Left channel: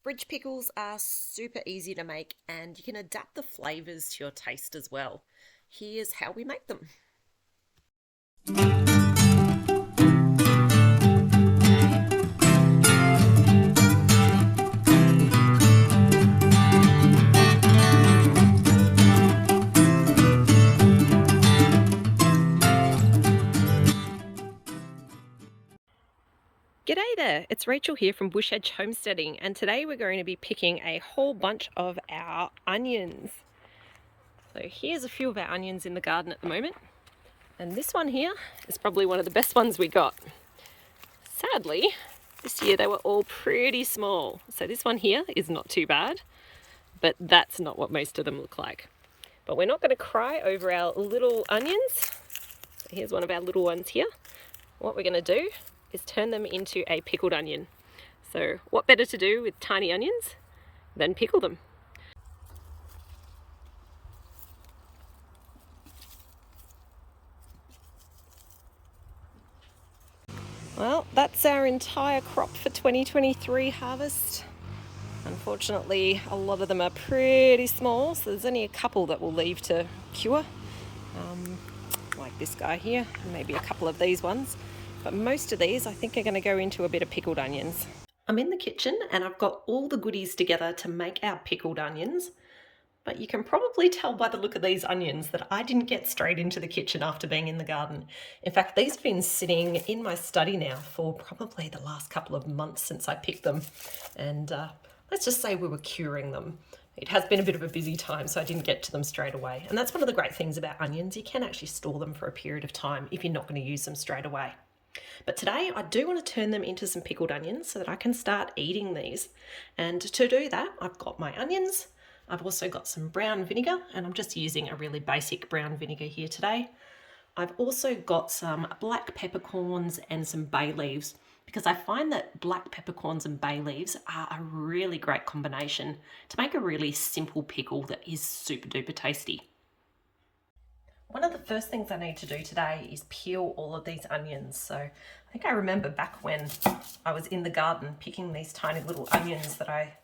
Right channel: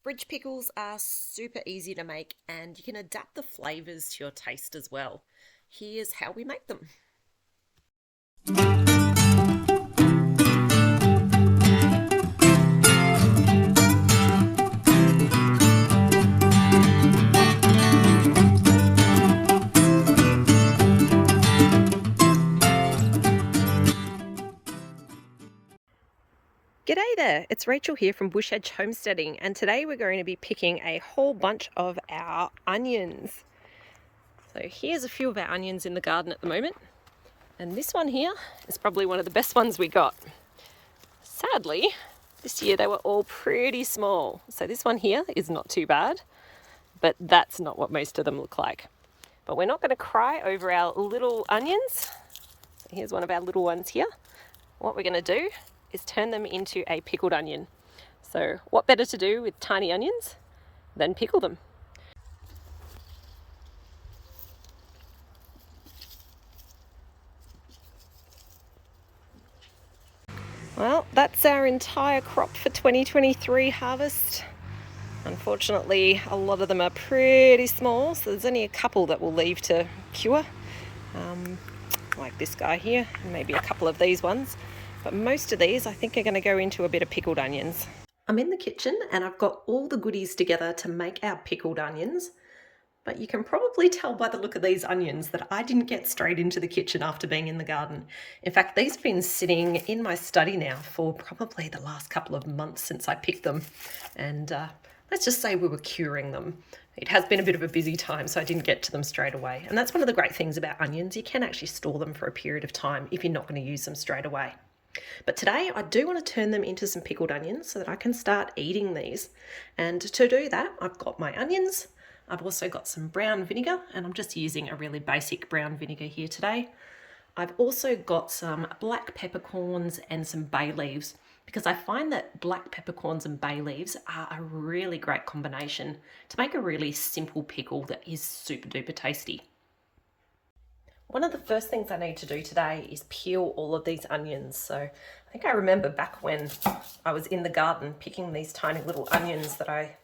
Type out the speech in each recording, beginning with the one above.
Fridge pickles are super easy to make and you can adapt the flavours to your taste as well. Here's how we make them. G'day there, it's Rachel here from Bush Edge Homesteading, and today we're going to be picking a whole bunch of our onions. So here's a few of our onions in the garden at the moment, and this one here is probably one of the best ones we got. Sadly, this year they were all pretty small, so this one here is not too bad, but that's not what most of them look like. But we're not going to cry over our little onions. So here's one of our little ones here. What we're going to do is turn them into a pickled onion. So what better to do with tiny onions than pickle them? Well, that's our entire crop for 2023 harvest. Unfortunately, a lot of them are pretty small, so there's only a couple that we'll leave to cure, like this guy here, and maybe a couple of these ones. But most of these I think are going to go into a bit of pickled onions. I'm in the kitchen and I've got all the goodies together to make our pickled onions. But you can probably tell by the look of these onions that I didn't get straight into the kitchen after being in the garden. In fact, these have been sitting in my study now for probably the last couple of months since I picked them. And let's just say we were curing them. It has been a bit of a busy time, so I didn't get to them straight away. And that's one of the great things about onions. You can actually store them for a period of time if you're not going to use them straight away. But today I do want to turn them into some pickled onions so that I can start eating these. And to do that, I've got my onions. I've also got some brown vinegar, and I'm just using a really basic brown vinegar here today. I've also got some black peppercorns and some bay leaves, because I find that black peppercorns and bay leaves are a really great combination to make a really simple pickle that is super duper tasty. One of the first things I need to do today is peel all of these onions. So I think I remember back when I was in the garden picking these tiny little onions that I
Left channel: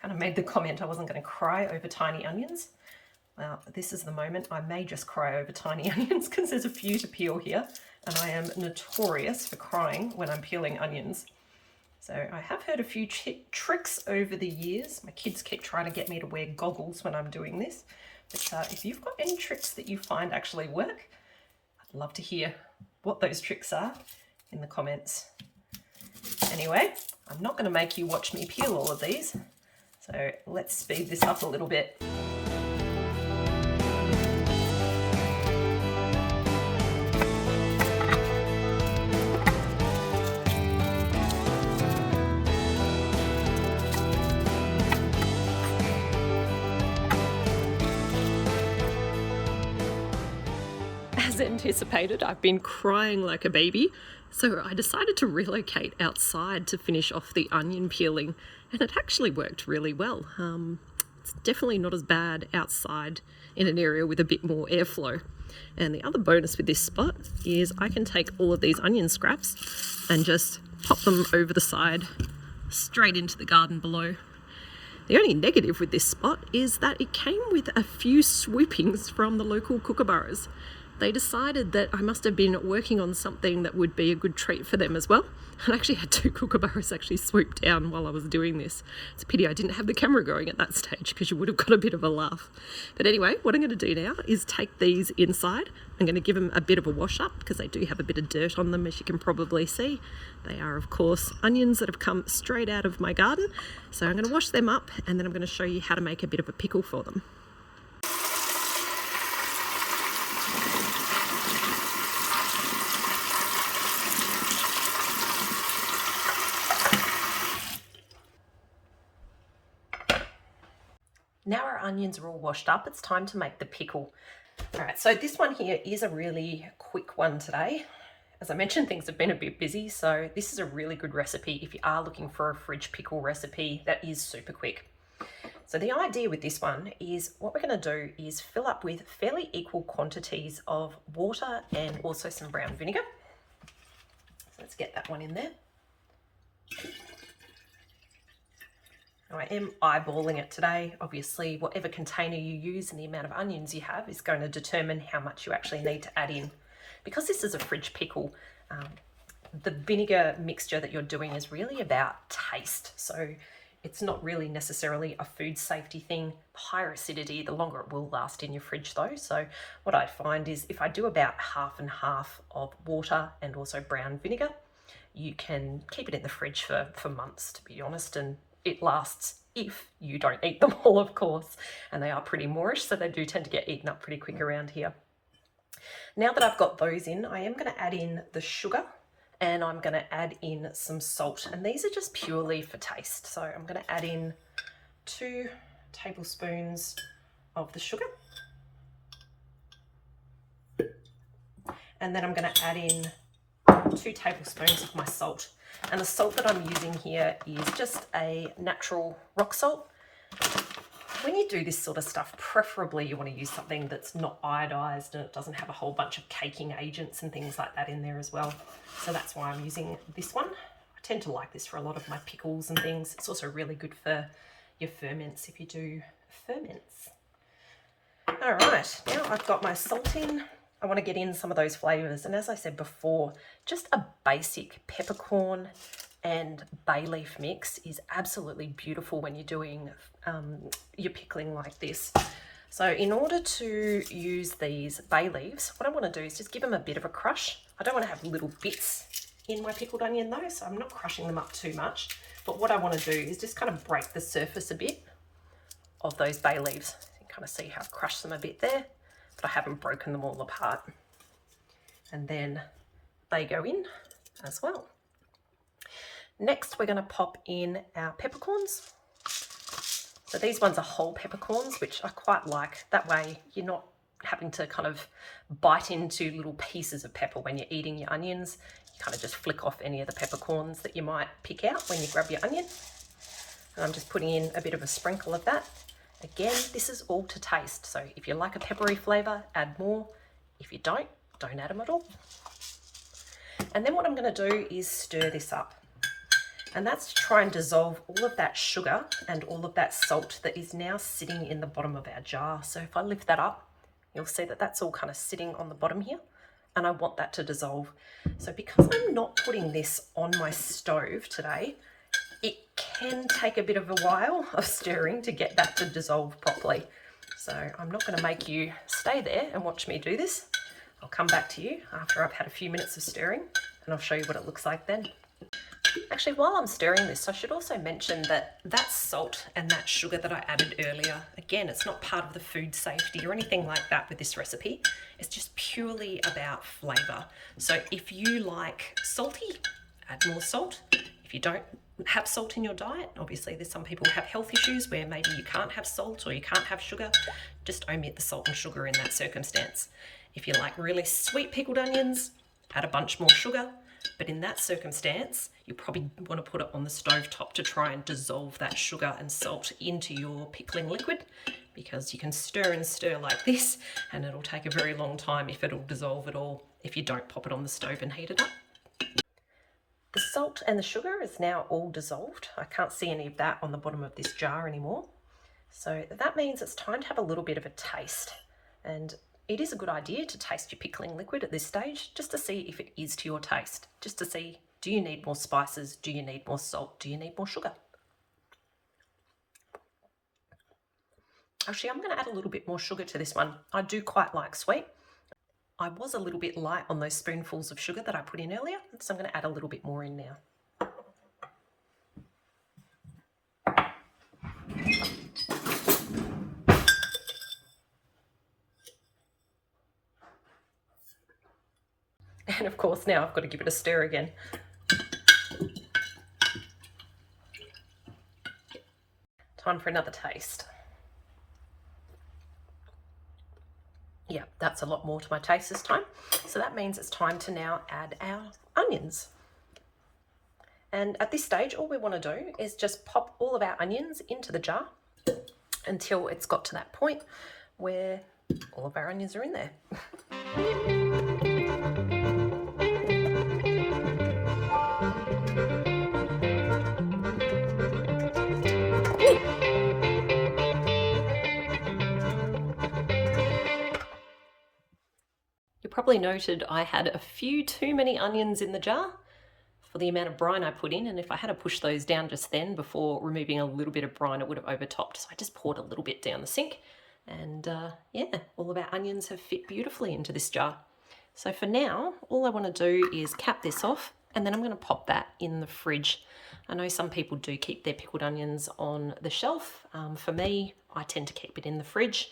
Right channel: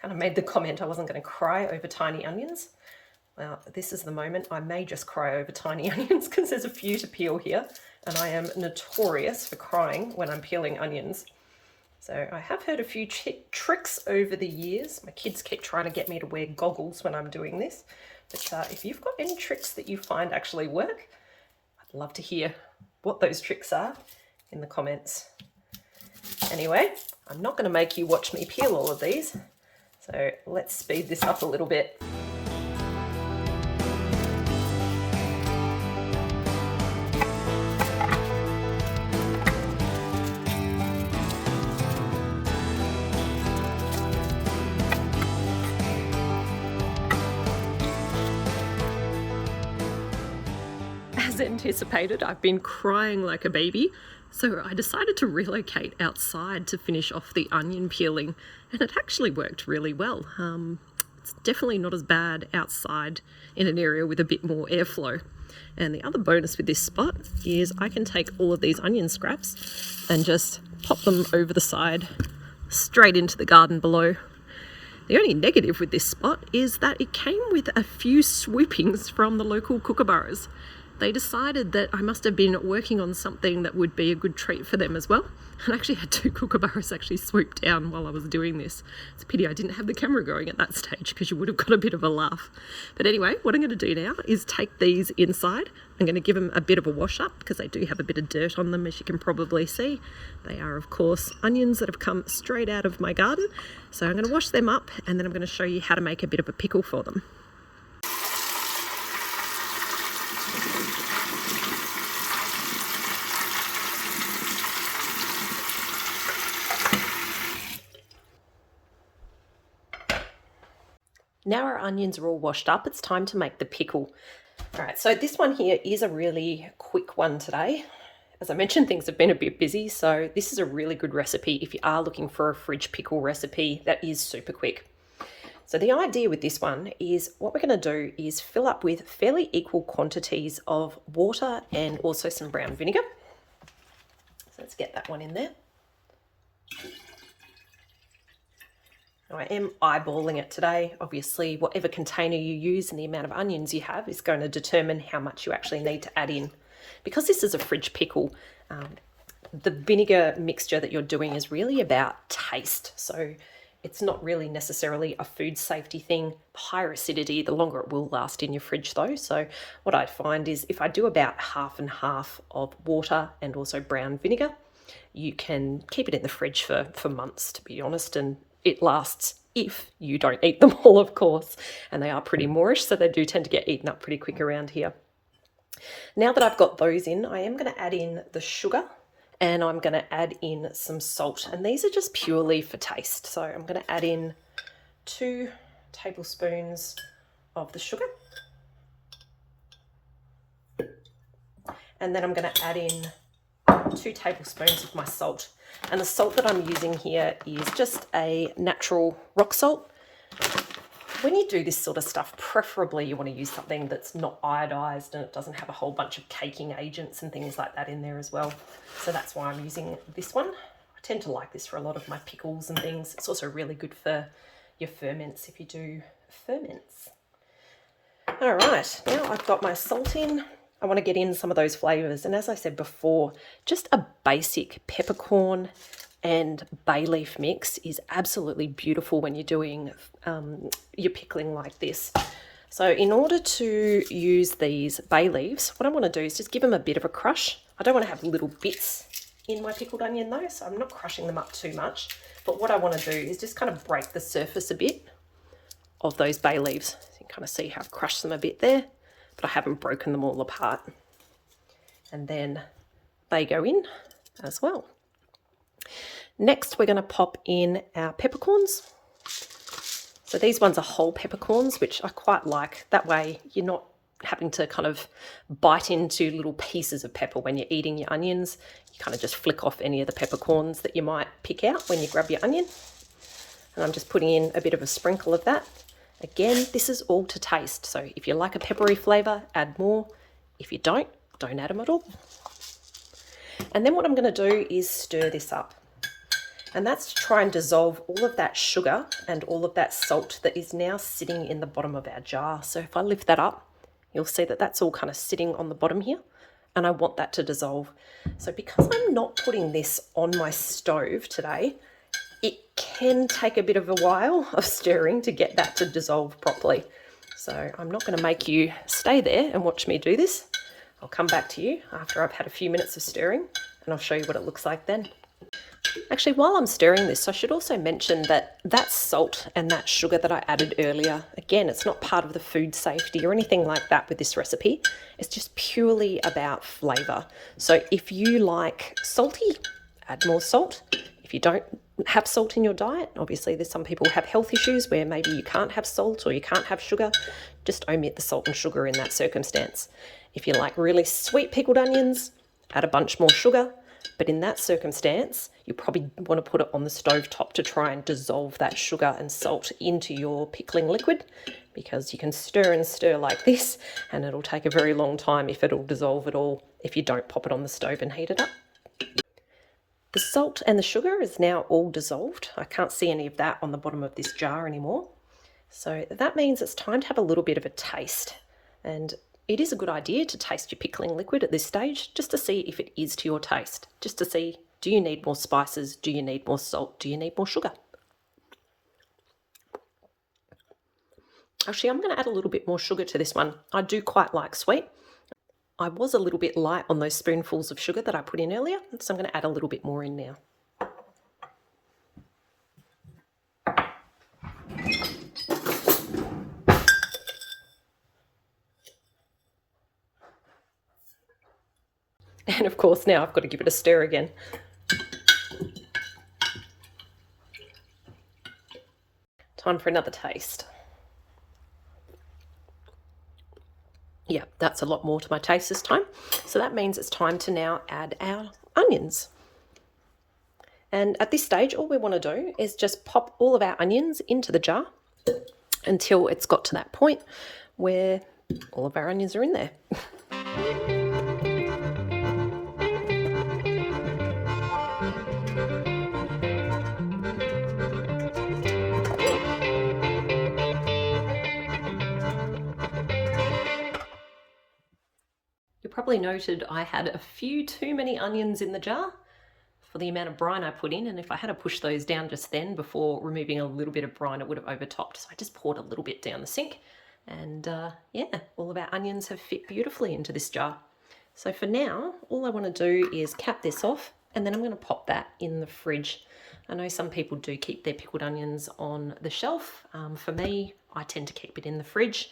kind of made the comment I wasn't going to cry over tiny onions. Well, this is the moment I may just cry over tiny onions because there's a few to peel here, and I am notorious for crying when I'm peeling onions. So I have heard a few tricks over the years. My kids keep trying to get me to wear goggles when I'm doing this. But if you've got any tricks that you find actually work, I'd love to hear what those tricks are in the comments. Anyway, I'm not going to make you watch me peel all of these, so let's speed this up a little bit. As anticipated, I've been crying like a baby, so I decided to relocate outside to finish off the onion peeling, and it actually worked really well. It's definitely not as bad outside in an area with a bit more airflow. And the other bonus with this spot is I can take all of these onion scraps and just pop them over the side straight into the garden below. The only negative with this spot is that it came with a few swoopings from the local kookaburras. They decided that I must have been working on something that would be a good treat for them as well. And I actually had two kookaburras actually swoop down while I was doing this. It's a pity I didn't have the camera going at that stage because you would have got a bit of a laugh. But anyway, what I'm going to do now is take these inside. I'm going to give them a bit of a wash up because they do have a bit of dirt on them, as you can probably see. They are, of course, onions that have come straight out of my garden. So I'm going to wash them up and then I'm going to show you how to make a bit of a pickle for them. Now our onions are all washed up, it's time to make the pickle. All right, so this one here is a really quick one today. As I mentioned, things have been a bit busy, so this is a really good recipe if you are looking for a fridge pickle recipe that is super quick. So the idea with this one is what we're going to do is fill up with fairly equal quantities of water and also some brown vinegar. So let's get that one in there. I am eyeballing it today. Obviously, whatever container you use and the amount of onions you have is going to determine how much you actually need to add in. Because this is a fridge pickle, the vinegar mixture that you're doing is really about taste. So it's not really necessarily a food safety thing. Higher acidity, the longer it will last in your fridge though. So what I find is if I do about half and half of water and also brown vinegar, you can keep it in the fridge for months, to be honest, and it lasts if you don't eat them all, of course. And they are pretty moorish, so they do tend to get eaten up pretty quick around here. Now that I've got those in, I am going to add in the sugar and I'm going to add in some salt. And these are just purely for taste. So I'm going to add in 2 tablespoons of the sugar. And then I'm going to add in 2 tablespoons of my salt. And the salt that I'm using here is just a natural rock salt. When you do this sort of stuff, preferably you want to use something that's not iodized and it doesn't have a whole bunch of caking agents and things like that in there as well. So that's why I'm using this one. I tend to like this for a lot of my pickles and things. It's also really good for your ferments if you do ferments. All right, now I've got my salt in. I want to get in some of those flavors. And as I said before, just a basic peppercorn and bay leaf mix is absolutely beautiful when you're doing your pickling like this. So in order to use these bay leaves, what I want to do is just give them a bit of a crush. I don't want to have little bits in my pickled onion though, so I'm not crushing them up too much. But what I want to do is just kind of break the surface a bit of those bay leaves. So you can kind of see how I've crushed them a bit there, but I haven't broken them all apart. And then they go in as well. Next, we're going to pop in our peppercorns. So these ones are whole peppercorns, which I quite like. That way you're not having to kind of bite into little pieces of pepper when you're eating your onions. You kind of just flick off any of the peppercorns that you might pick out when you grab your onion. And I'm just putting in a bit of a sprinkle of that. Again, this is all to taste. So if you like a peppery flavour, add more. If you don't add them at all. And then what I'm going to do is stir this up. And that's to try and dissolve all of that sugar and all of that salt that is now sitting in the bottom of our jar. So if I lift that up, you'll see that that's all kind of sitting on the bottom here. And I want that to dissolve. So because I'm not putting this on my stove today, it can take a bit of a while of stirring to get that to dissolve properly. So I'm not going to make you stay there and watch me do this. I'll come back to you after I've had a few minutes of stirring and I'll show you what it looks like then. Actually, while I'm stirring this, I should also mention that that salt and that sugar that I added earlier, again, it's not part of the food safety or anything like that with this recipe. It's just purely about flavour. So if you like salty, add more salt. If you don't have salt in your diet, obviously there's some people who have health issues where maybe you can't have salt or you can't have sugar, just omit the salt and sugar in that circumstance. If you like really sweet pickled onions, add a bunch more sugar. But in that circumstance, you probably want to put it on the stove top to try and dissolve that sugar and salt into your pickling liquid, because you can stir and stir like this and it'll take a very long time if it'll dissolve at all if you don't pop it on the stove and heat it up. The salt and the sugar is now all dissolved. I can't see any of that on the bottom of this jar anymore. So that means it's time to have a little bit of a taste. And it is a good idea to taste your pickling liquid at this stage, just to see if it is to your taste, just to see, do you need more spices? Do you need more salt? Do you need more sugar? Actually, I'm going to add a little bit more sugar to this one. I do quite like sweet. I was a little bit light on those spoonfuls of sugar that I put in earlier, so I'm going to add a little bit more in now. And of course now I've got to give it a stir again. Time for another taste. Yeah, that's a lot more to my taste this time. So that means it's time to now add our onions. And at this stage, all we want to do is just pop all of our onions into the jar until it's got to that point where all of our onions are in there. probably noted I had a few too many onions in the jar for the amount of brine I put in, and if I had to push those down just then before removing a little bit of brine, it would have overtopped. So I just poured a little bit down the sink, and yeah, all of our onions have fit beautifully into this jar. So for now, all I want to do is cap this off, and then I'm going to pop that in the fridge. I know some people do keep their pickled onions on the shelf. For me, I tend to keep it in the fridge,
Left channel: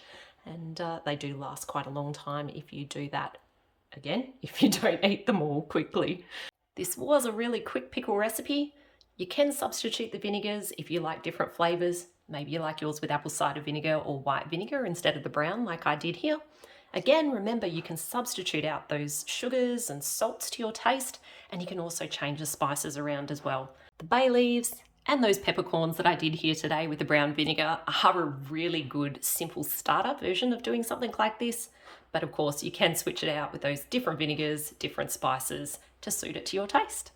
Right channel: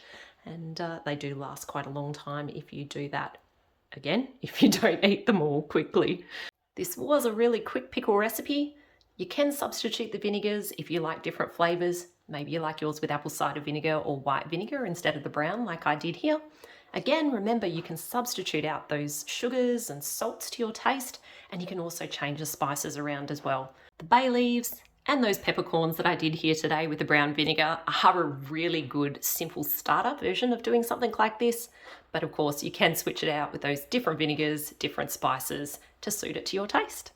and they do last quite a long time if you do that. Again, if you don't eat them all quickly. This was a really quick pickle recipe. You can substitute the vinegars if you like different flavours. Maybe you like yours with apple cider vinegar or white vinegar instead of the brown like I did here. Again, remember you can substitute out those sugars and salts to your taste, and you can also change the spices around as well. The bay leaves and those peppercorns that I did here today with the brown vinegar are a really good simple starter version of doing something like this. But of course you can switch it out with those different vinegars, different spices to suit it to your taste.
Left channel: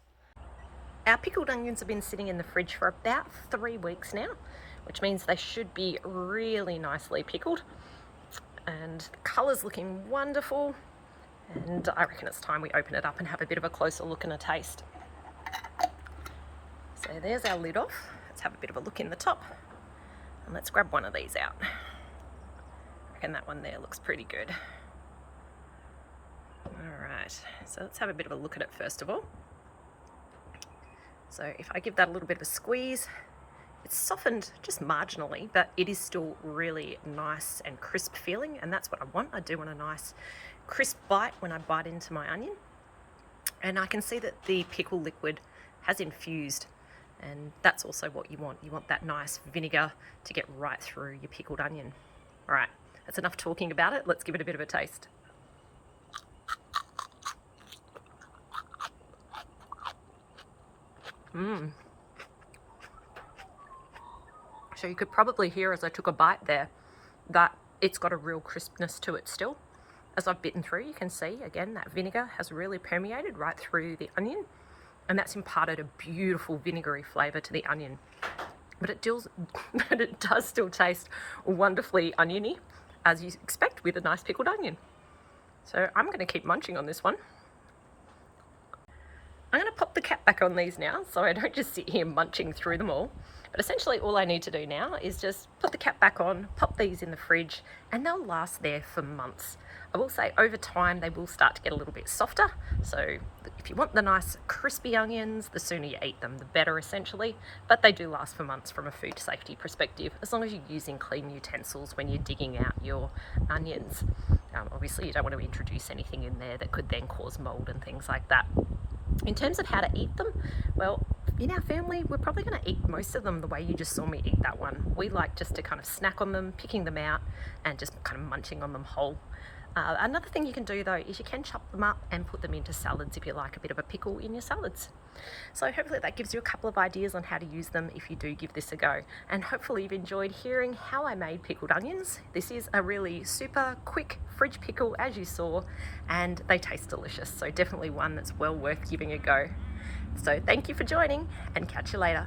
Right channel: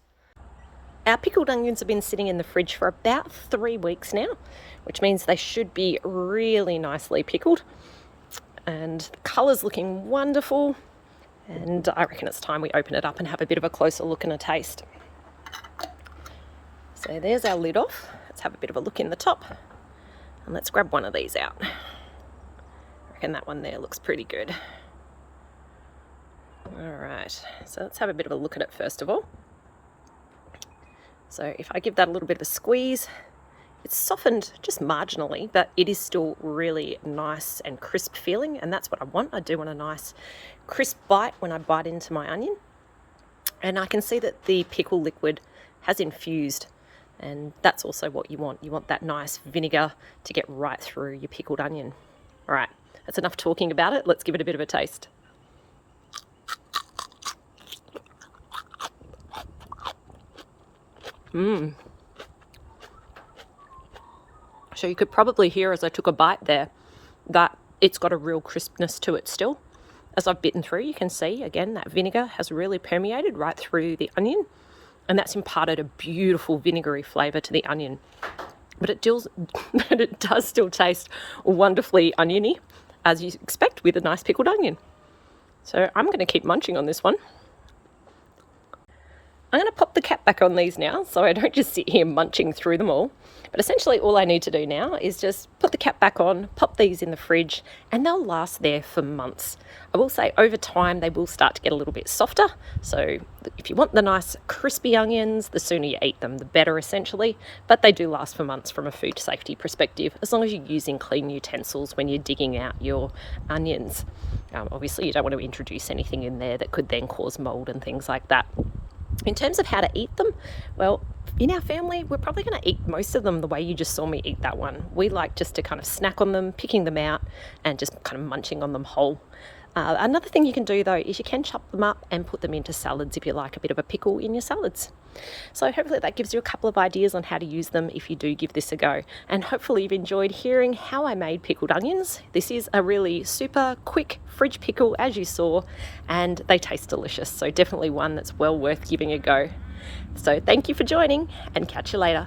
Our pickled onions have been sitting in the fridge for about 3 weeks now, which means they should be really nicely pickled. And the colour's looking wonderful, and I reckon it's time we open it up and have a bit of a closer look and a taste. So there's our lid off. Let's have a bit of a look in the top, and let's grab one of these out. I reckon that one there looks pretty good. Alright, so let's have a bit of a look at it first of all. So if I give that a little bit of a squeeze, it's softened just marginally, but it is still really nice and crisp feeling, and that's what I want. I do want a nice crisp bite when I bite into my onion. And I can see that the pickle liquid has infused, and that's also what you want. You want that nice vinegar to get right through your pickled onion. All right, that's enough talking about it. Let's give it a bit of a taste. So you could probably hear as I took a bite there that it's got a real crispness to it still. As I've bitten through, you can see again that vinegar has really permeated right through the onion, and that's imparted a beautiful vinegary flavour to the onion. But it does still taste wonderfully oniony, as you expect with a nice pickled onion. So I'm going to keep munching on this one. I'm going to pop the cap back on these now so I don't just sit here munching through them all. But essentially all I need to do now is just put the cap back on, pop these in the fridge, and they'll last there for months. I will say over time they will start to get a little bit softer. So if you want the nice crispy onions, the sooner you eat them, the better essentially. But they do last for months from a food safety perspective, as long as you're using clean utensils when you're digging out your onions. Obviously you don't want to introduce anything in there that could then cause mold and things like that. In terms of how to eat them, well, in our family, we're probably going to eat most of them the way you just saw me eat that one. We like just to kind of snack on them, picking them out, and just kind of munching on them whole. Another thing you can do though is you can chop them up and put them into salads if you like a bit of a pickle in your salads. So hopefully that gives you a couple of ideas on how to use them if you do give this a go. And hopefully you've enjoyed hearing how I made pickled onions. This is a really super quick fridge pickle, as you saw, and they taste delicious. So definitely one that's well worth giving a go. So thank you for joining, and catch you later.